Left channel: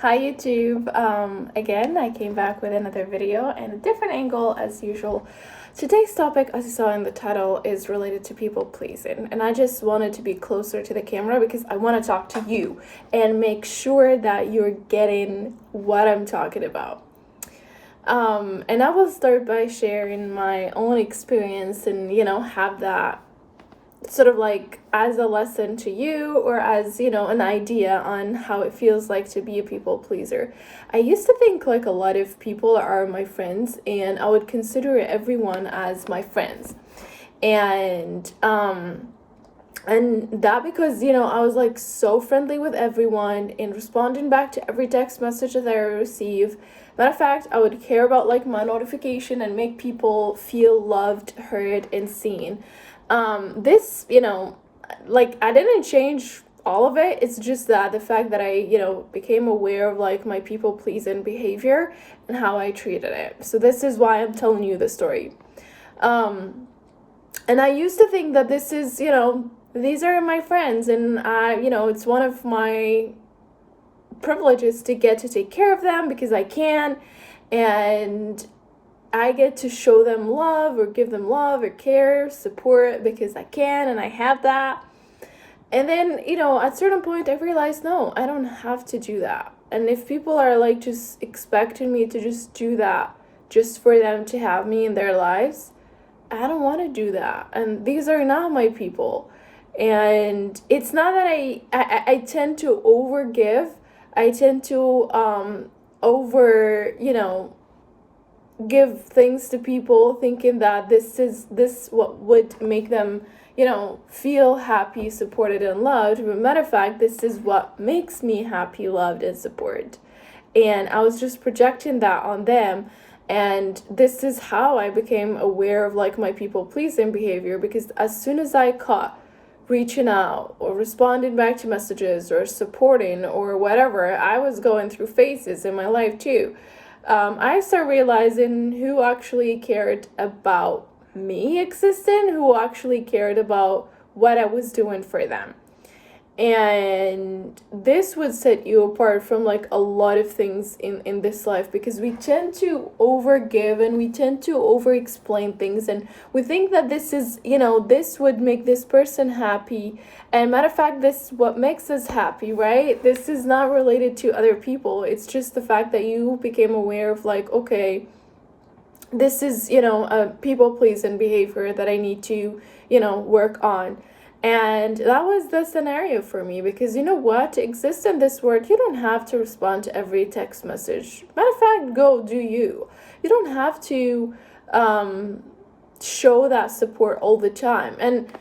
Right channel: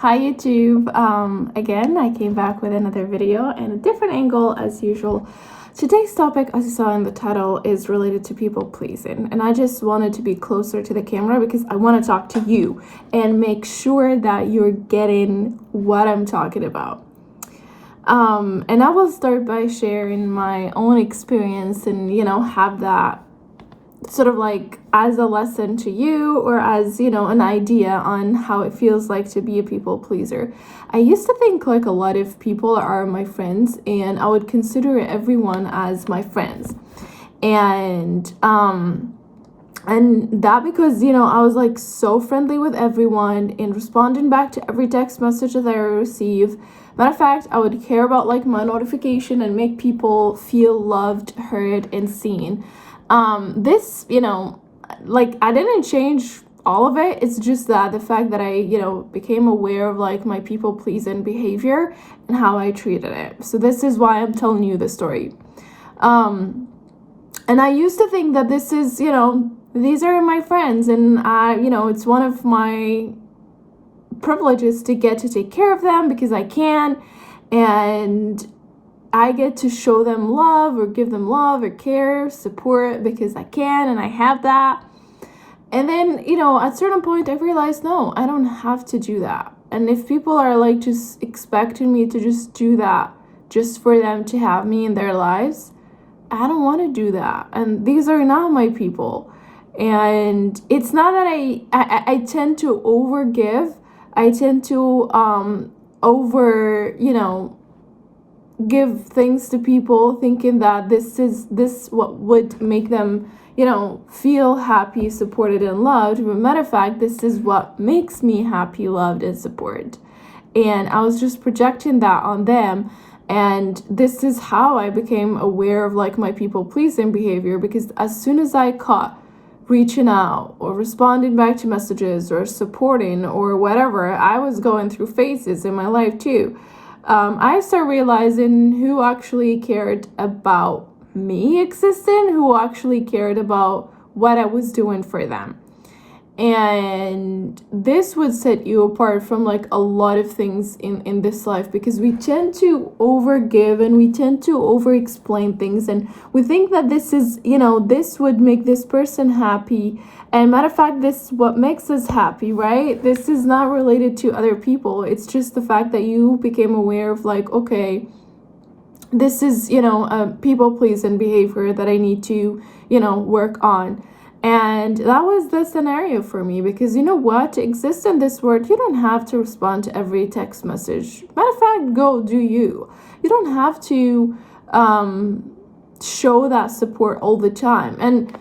Hi YouTube. Again, I came back with another video and a different angle as usual. Today's topic, as you saw in the title, is related to people pleasing, and I just wanted to be closer to the camera because I want to talk to you and make sure that you're getting what I'm talking about. And I will start by sharing my own experience and have that sort of like as a lesson to you, or as an idea on how it feels like to be a people pleaser. I used to think like a lot of people are my friends, and I would consider everyone as my friends, and that because I was like so friendly with everyone and responding back to every text message that I receive. Matter of fact, I would care about like my notification and make people feel loved, heard, and seen. This, like I didn't change all of it. It's just that the fact that I, became aware of like my people pleasing behavior and how I treated it. So this is why I'm telling you the story. And I used to think that this is, these are my friends, and it's one of my privileges to get to take care of them because I can, and I get to show them love or give them love or care, support because I can and I have that. And then, at a certain point I realized, no, I don't have to do that. And if people are like just expecting me to just do that just for them to have me in their lives, I don't want to do that. And these are not my people. And it's not that I tend to overgive. I tend to give things to people thinking that this what would make them feel happy, supported, and loved. But matter of fact, this is what makes me happy, loved, and supported. And I was just projecting that on them, and this is how I became aware of like my people pleasing behavior, because as soon as I caught reaching out or responding back to messages or supporting or whatever, I was going through phases in my life too. I started realizing who actually cared about me existing, who actually cared about what I was doing for them. And this would set you apart from like a lot of things in this life, because we tend to overgive and we tend to over explain things, and we think that this is, this would make this person happy. And matter of fact, this is what makes us happy, right? This is not related to other people. It's just the fact that you became aware of like, okay, this is, a people pleasing behavior that I need to, work on. And that was the scenario for me, because to exist in this world, you don't have to respond to every text message. Matter of fact, go do you. You don't have to show that support all the time. And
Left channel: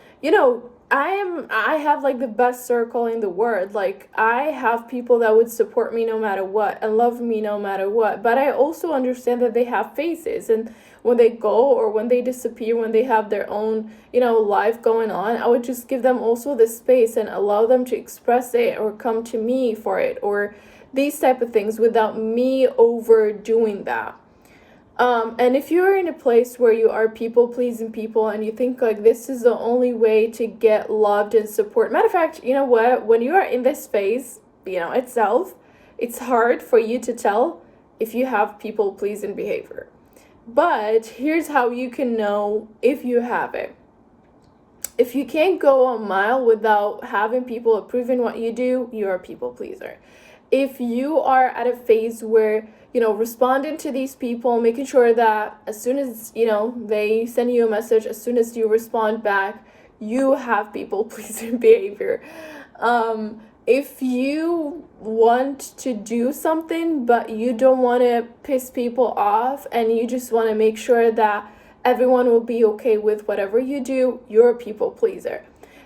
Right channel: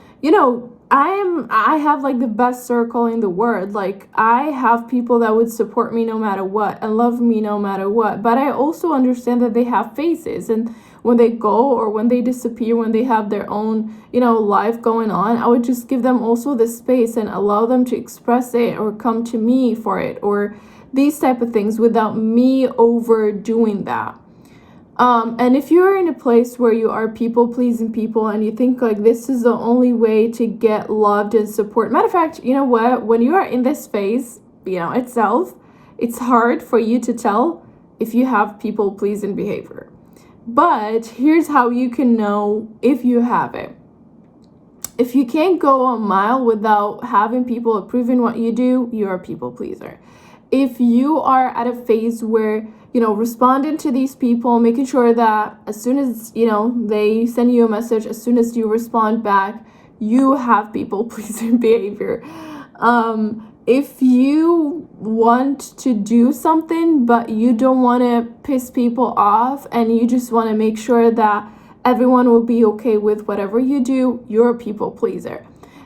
I have like the best circle in the world. Like I have people that would support me no matter what and love me no matter what. But I also understand that they have phases, and when they go or when they disappear, when they have their own, life going on, I would just give them also the space and allow them to express it or come to me for it, or these type of things, without me overdoing that. And if you're in a place where you are people pleasing people and you think like this is the only way to get loved and support, matter of fact, you know what? When you are in this phase, itself, it's hard for you to tell if you have people pleasing behavior. But here's how you can know if you have it. If you can't go a mile without having people approving what you do, you're a people pleaser. If you are at a phase where responding to these people, making sure that as soon as they send you a message, as soon as you respond back, you have people pleasing behavior. If you want to do something but you don't want to piss people off and you just want to make sure that everyone will be okay with whatever you do, you're a people pleaser.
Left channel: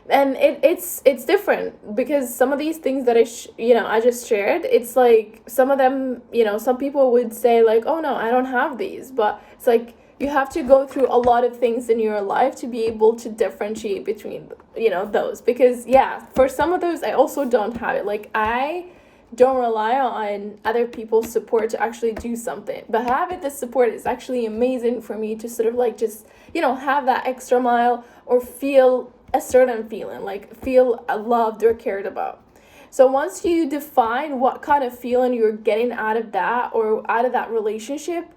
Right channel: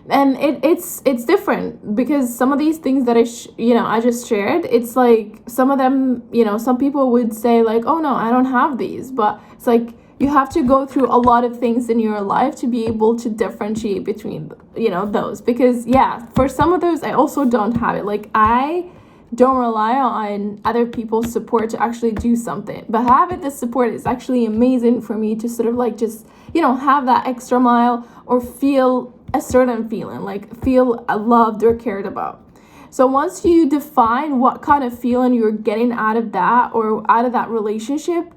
And it's different, because some of these things that I just shared, it's like some of them, some people would say like, oh no, I don't have these, but it's like you have to go through a lot of things in your life to be able to differentiate between those, because for some of those I also don't have it. Like I don't rely on other people's support to actually do something, but having this support is actually amazing for me to sort of like just have that extra mile or feel a certain feeling, like feel loved or cared about. So once you define what kind of feeling you're getting out of that or out of that relationship,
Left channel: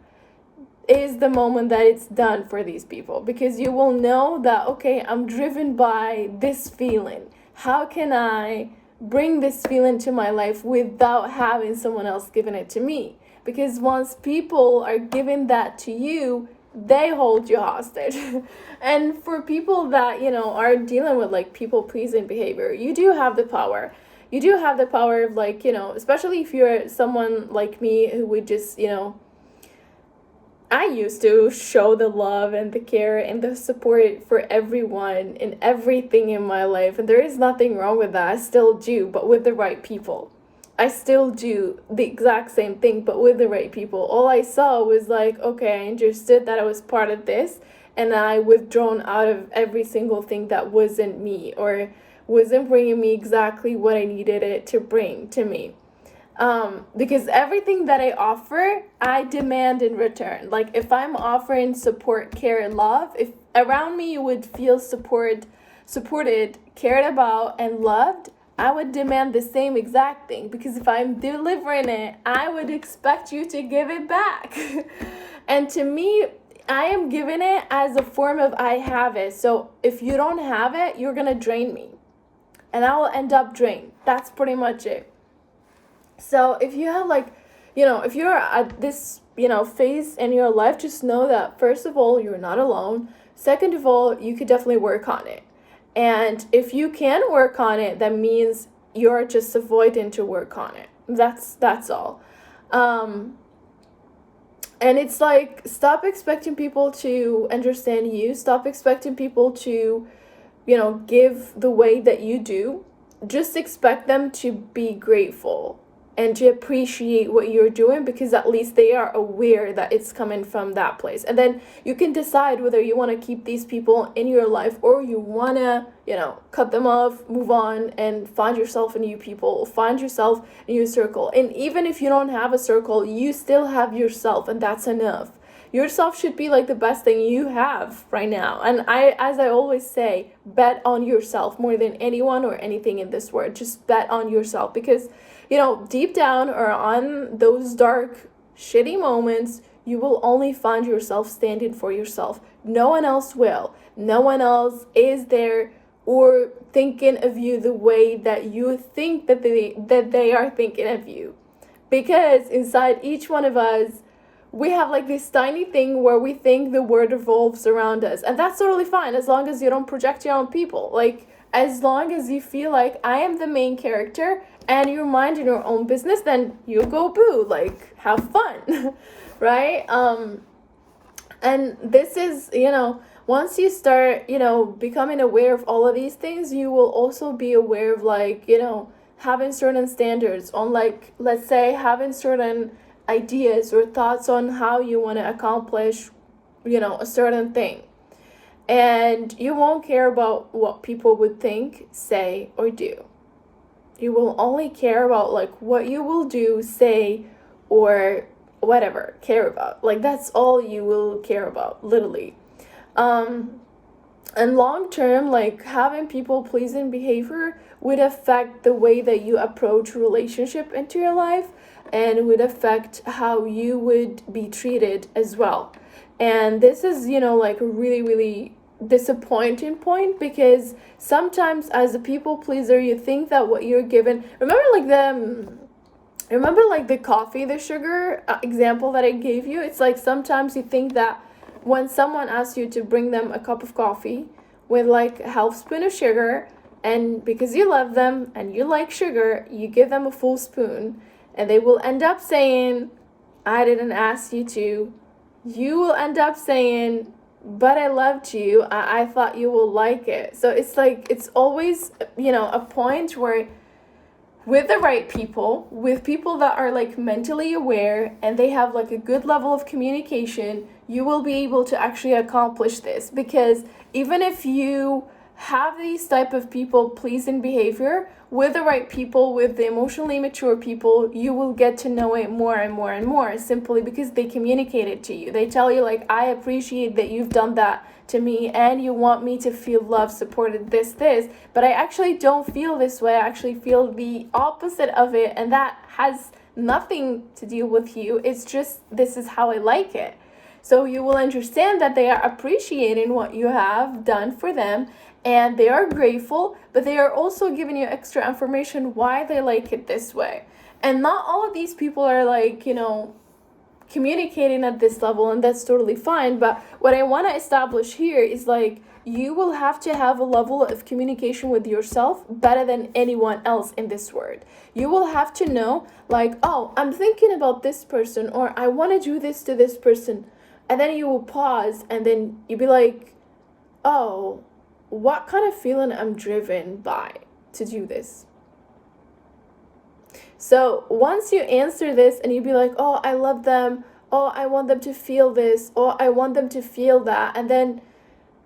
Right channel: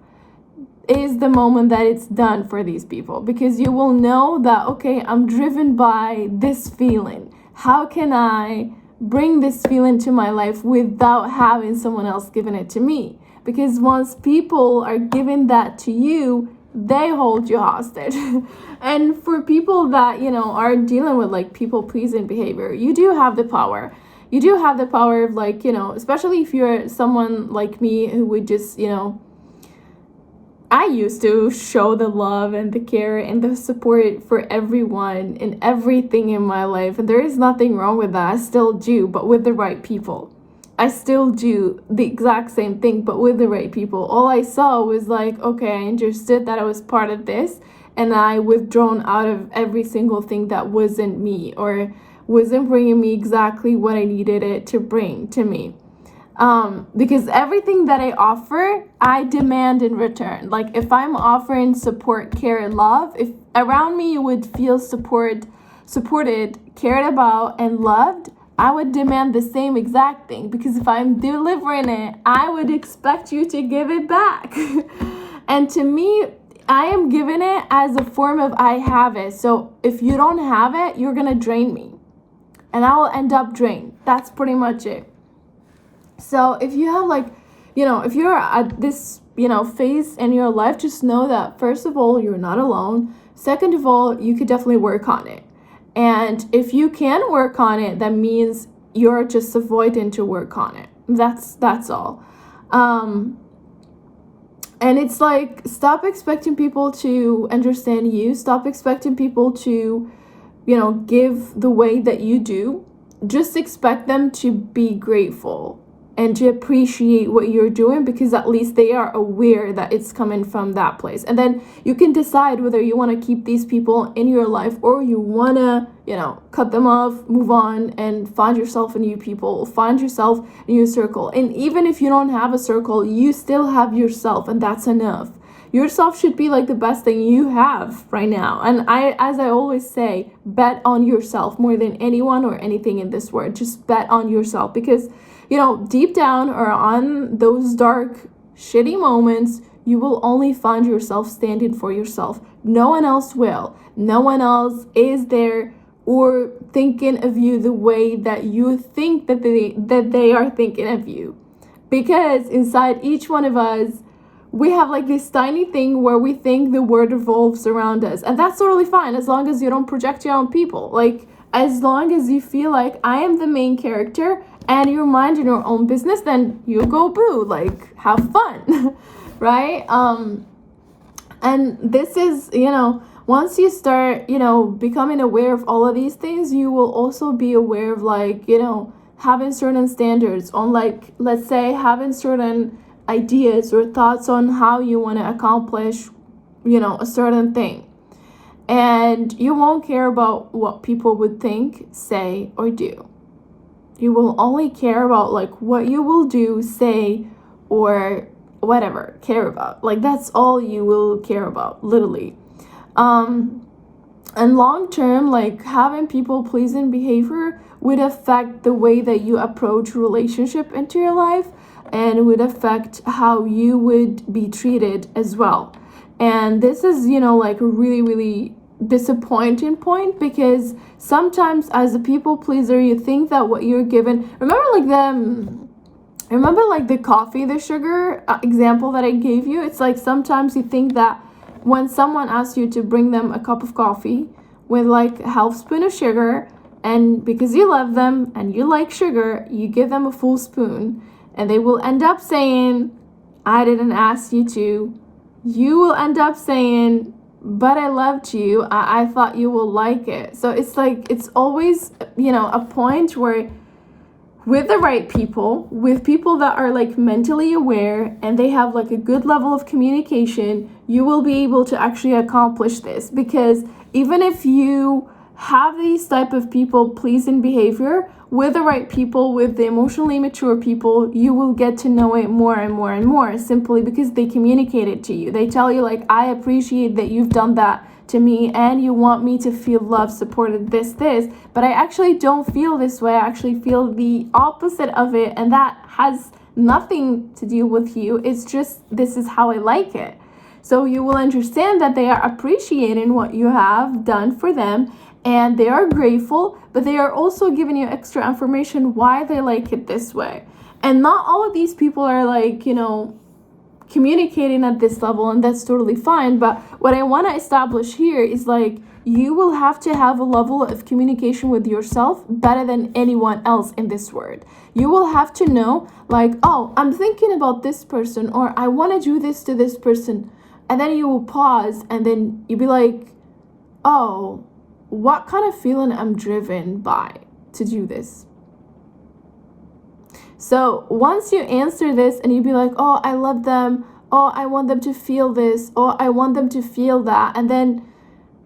is the moment that it's done for these people, because you will know that, okay, I'm driven by this feeling. How can I bring this feeling to my life without having someone else giving it to me? Because once people are giving that to you, they hold you hostage. And for people that, are dealing with like people pleasing behavior, you do have the power. You do have the power of like, especially if you're someone like me who would just, I used to show the love and the care and the support for everyone and everything in my life. And there is nothing wrong with that. I still do, but with the right people. I still do the exact same thing, but with the right people. All I saw was like, okay, I understood that I was part of this, and I withdrawn out of every single thing that wasn't me or wasn't bringing me exactly what I needed it to bring to me. Because everything that I offer, I demand in return. Like if I'm offering support, care, and love, if around me you would feel supported, cared about, and loved, I would demand the same exact thing. Because if I'm delivering it, I would expect you to give it back. And to me, I am giving it as a form of I have it. So if you don't have it, you're gonna drain me, and I will end up drained. That's pretty much it. So if you have like, if you're at this, phase in your life, just know that first of all, you're not alone. Second of all, you could definitely work on it. And if you can work on it, that means you're just avoiding to work on it. That's all. And it's like, stop expecting people to understand you. Stop expecting people to, give the way that you do. Just expect them to be grateful and to appreciate what you're doing, because at least they are aware that it's coming from that place. And then you can decide whether you want to keep these people in your life or you want to, cut them off, move on, and find yourself a new people, find yourself a new circle. And even if you don't have a circle, you still have yourself, and that's enough. Yourself should be like the best thing you have right now. And as I always say, bet on yourself more than anyone or anything in this world. Just bet on yourself, because deep down or on those dark, shitty moments, you will only find yourself standing for yourself. No one else will. No one else is there or thinking of you the way that you think that they are thinking of you. Because inside each one of us, we have like this tiny thing where we think the world revolves around us. And that's totally fine, as long as you don't project your own people. Like, as long as you feel like I am the main character and you're minding your own business, then you go boo, like have fun. Right? And this is, once you start, becoming aware of all of these things, you will also be aware of like, having certain standards on, like, let's say having certain ideas or thoughts on how you want to accomplish, a certain thing. And you won't care about what people would think, say, or do. You will only care about like what you will do, say, or whatever care about. Like that's all you will care about, literally. And long term, like having people pleasing behavior would affect the way that you approach relationship into your life, and would affect how you would be treated as well. And this is, like a really, really disappointing point, because sometimes as a people pleaser, you think that what you're given, remember like the coffee, the sugar example that I gave you. It's like sometimes you think that when someone asks you to bring them a cup of coffee with like a half spoon of sugar, and because you love them and you like sugar, you give them a full spoon, and they will end up saying, I didn't ask you to. You will end up saying, but I loved you. I thought you will like it. So it's like, it's always, a point where with the right people, with people that are like mentally aware and they have like a good level of communication, you will be able to actually accomplish this. Because even if you have these type of people pleasing behavior, with the right people, with the emotionally mature people, you will get to know it more and more and more, simply because they communicate it to you. They tell you like, I appreciate that you've done that to me and you want me to feel loved, supported, this, but I actually don't feel this way. I actually feel the opposite of it, and that has nothing to do with you. It's just this is how I like it. So you will understand that they are appreciating what you have done for them and they are grateful, but they are also giving you extra information why they like it this way. And not all of these people are like, communicating at this level, and that's totally fine. But what I want to establish here is like, you will have to have a level of communication with yourself better than anyone else in this world. You will have to know, like, oh, I'm thinking about this person, or I want to do this to this person. And then you will pause and then you'll be like, oh, what kind of feeling I'm driven by to do this? So once you answer this and you be like, oh, I love them, oh, I want them to feel this, oh, I want them to feel that, and then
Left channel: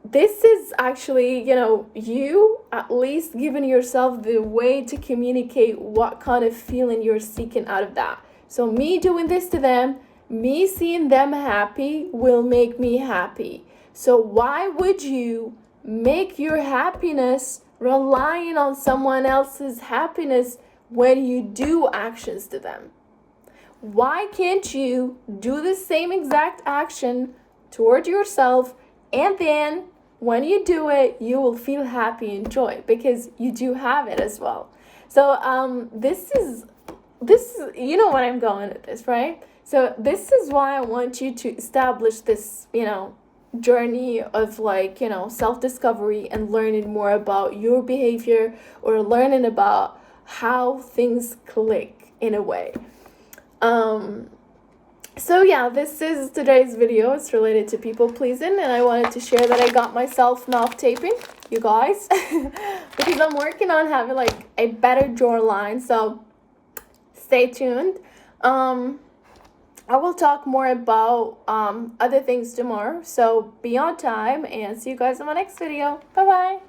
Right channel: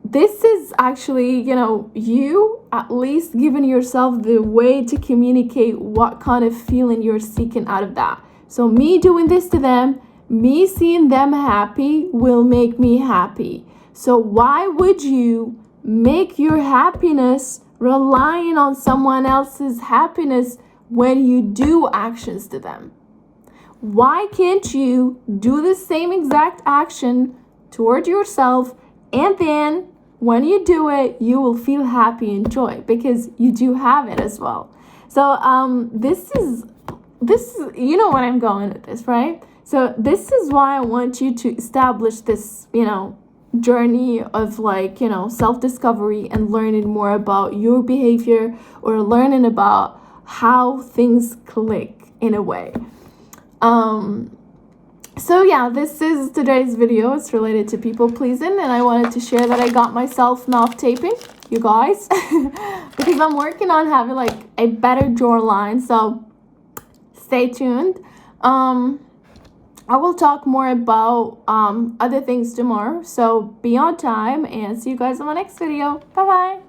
this is actually, you at least giving yourself the way to communicate what kind of feeling you're seeking out of that. So me doing this to them, me seeing them happy will make me happy. So why would you make your happiness relying on someone else's happiness when you do actions to them? Why can't you do the same exact action toward yourself, and then when you do it, you will feel happy and joy because you do have it as well. So this is you know what I'm going with this, right? So this is why I want you to establish this, journey of like, self-discovery and learning more about your behavior, or learning about how things click in a way. So yeah, this is today's video. It's related to people pleasing, and I wanted to share that I got myself mouth taping, you guys, because I'm working on having like a better jawline. So stay tuned. I will talk more about other things tomorrow. So be on time, and see you guys in my next video. Bye bye.